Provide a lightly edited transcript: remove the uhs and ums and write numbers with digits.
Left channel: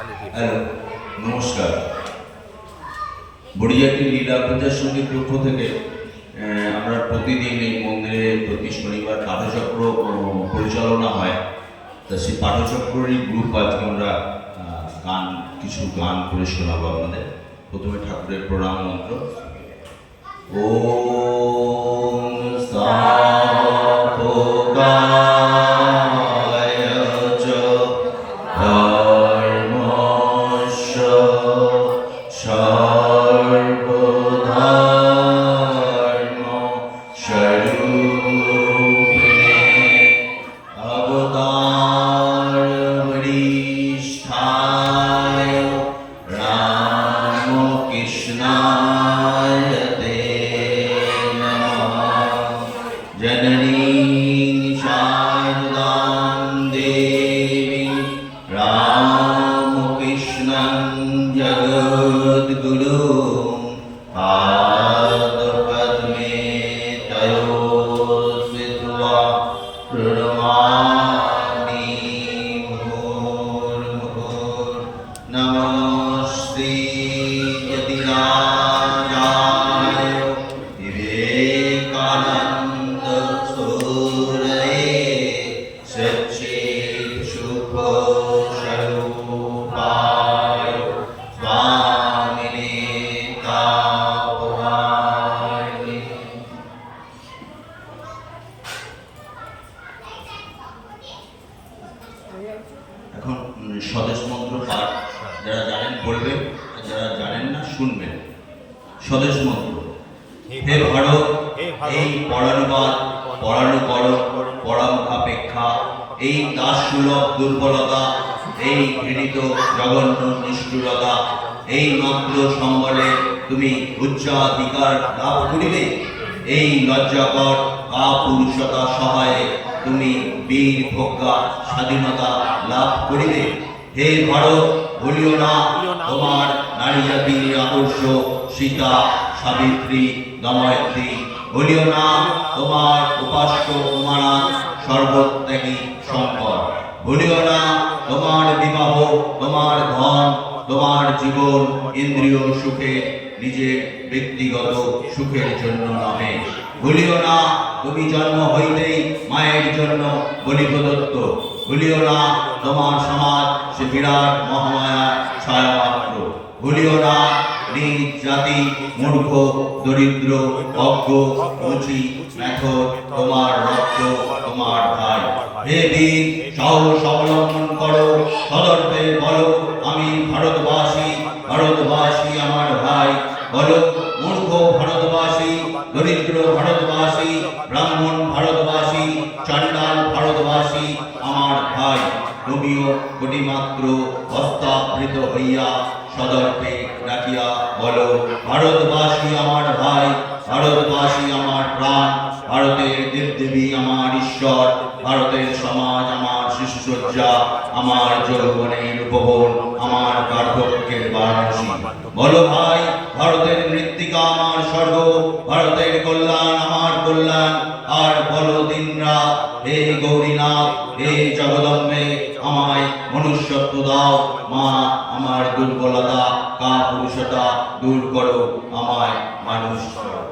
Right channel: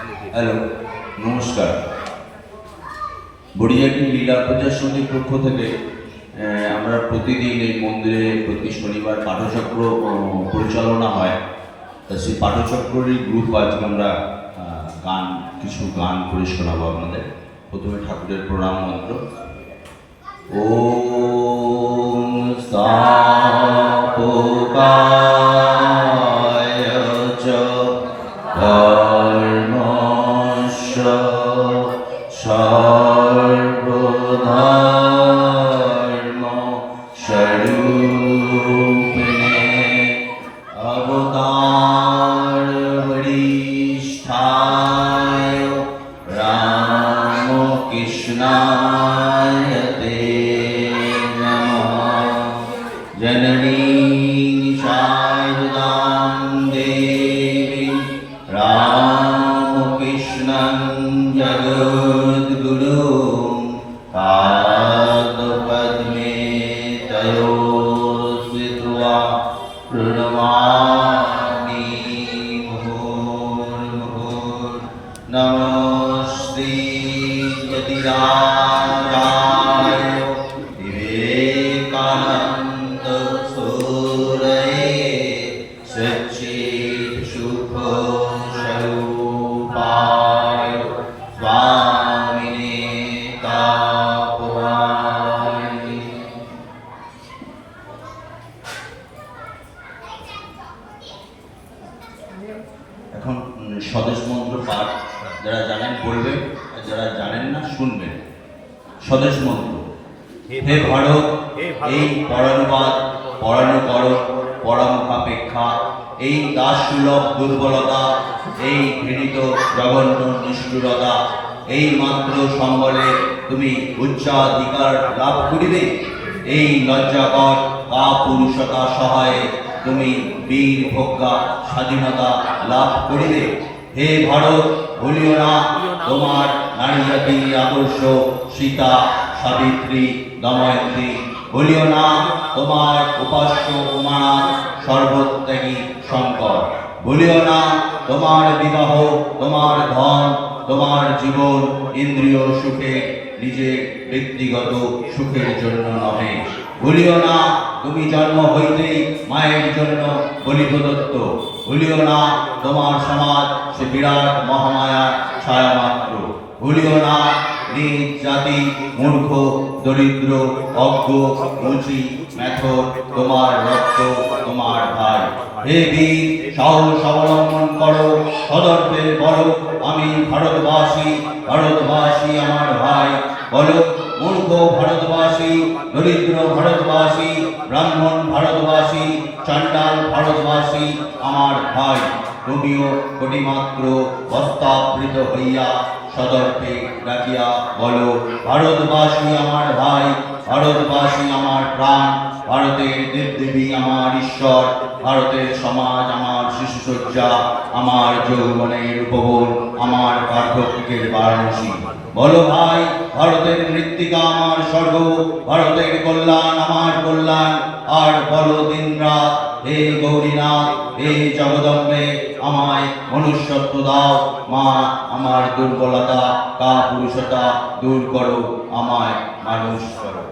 Hello, নমস্কার। বড়িয়াটি লীলা পূজা সমিতির পক্ষ থেকে আমরা প্রতিদিন এই মন্দিরে প্রতি শনিবার পাঠচক্র পরিচালনা হয়। তা সেই পাঠচক্রেরই গ্রুপ আজকে আমরা কিছু গান করে শোনাবো আপনাদের। প্রথমে ঠাকুরের প্রণাম মন্ত্র। ওম স্থাপকায় চ ধর্মস্য সর্বধর্ম স্বরূপিণে অবতার বরিষ্ঠায় রামকৃষ্ণায় তে নমঃ। জননীং শারদাং দেবীং রামকৃষ্ণং জগদ্গুরুং পাদপদ্মে তয়ো স্থিত্वा প্রণমামি মুহুর্মুহুঃ। নমস্তে যতিরাজায় বিবেকানন্দ সূরয়ে সচ্চিদ শুভ স্বরূপায় স্বামিনে তাপহারিণে। এখন স্বদেশ মন্ত্র পাঠ যারা জানেন বলবেন, আর যারা জানেন না শুনবেন। স্বদেশ মন্ত্র। হে ভারত, এই পরানুবাদ পরানুকরণ পরামুখাপেক্ষা, এই দাসসুলভ দুর্বলতা, এই ঘৃণিত জঘন্য নিষ্ঠুরতা, এই মাত্র সম্বলে তুমি উচ্চাধিকার লাভ করিবে। এই লজ্জাকর কাপুরুষতা সহায়ে তুমি বীর প্রজ্ঞা স্বাধীনতা লাভ করিবে। হে ভারত, ভুলিও না তোমার নারী জাতির আদর্শ সীতা, সাবিত্রী, দময়ন্তী। ভুলিও না তোমার উপাস্য উমানাথ, সর্বত্যাগী শঙ্কর। ভুলিও না তোমার বিবাহ, তোমার ধন, তোমার জীবন ইন্দ্রিয় সুখে, নিজের ব্যক্তিগত সুখের জন্য নহে। ভুলিও না তুমি জন্ম হইতেই মায়ের জন্য বলি প্রদত্ত। ভুলিও না তোমার সমাজ সে বিরাট মহামায়ার ছায়া মাত্র। ভুলিও না নিজ জাতি মূর্খ, দরিদ্র, অজ্ঞ, মুচি, মেথর, তোমার রক্ত, তোমার ভাই। হে বীর, সাহস অবলম্বন করো, সদর্পে বলো আমি ভারতবাসী, ভারতবাসী আমার ভাই। বলো মূর্খ ভারতবাসী, দরিদ্র ভারতবাসী, ব্রাহ্মণ ভারতবাসী, চাণ্ডাল ভারতবাসী আমার ভাই। তুমিও কোটিমাত্র বস্তাবৃত হইয়া সদর্পে ডাকিয়া বলো ভারতবাসী আমার ভাই, ভারতবাসী আমার প্রাণ, ভারতের দেবদেবী আমার ঈশ্বর, ভারতের সমাজ আমার শিশুসজ্জা, আমার যৌবনের উপবন, আমার বার্ধক্যের বারাণসী। বলো ভাই, ভারতের মৃত্তিকা আমার স্বর্গ, ভারতের কল্যাণ আমার কল্যাণ। আর বলো দিনরাত, হে গৌরীনাথ, হে জগদম্বে, আমায় মনুষ্যত্ব দাও। মা, আমার দুর্বলতা কাপুরুষতা দূর করো, আমায় মানুষ করো।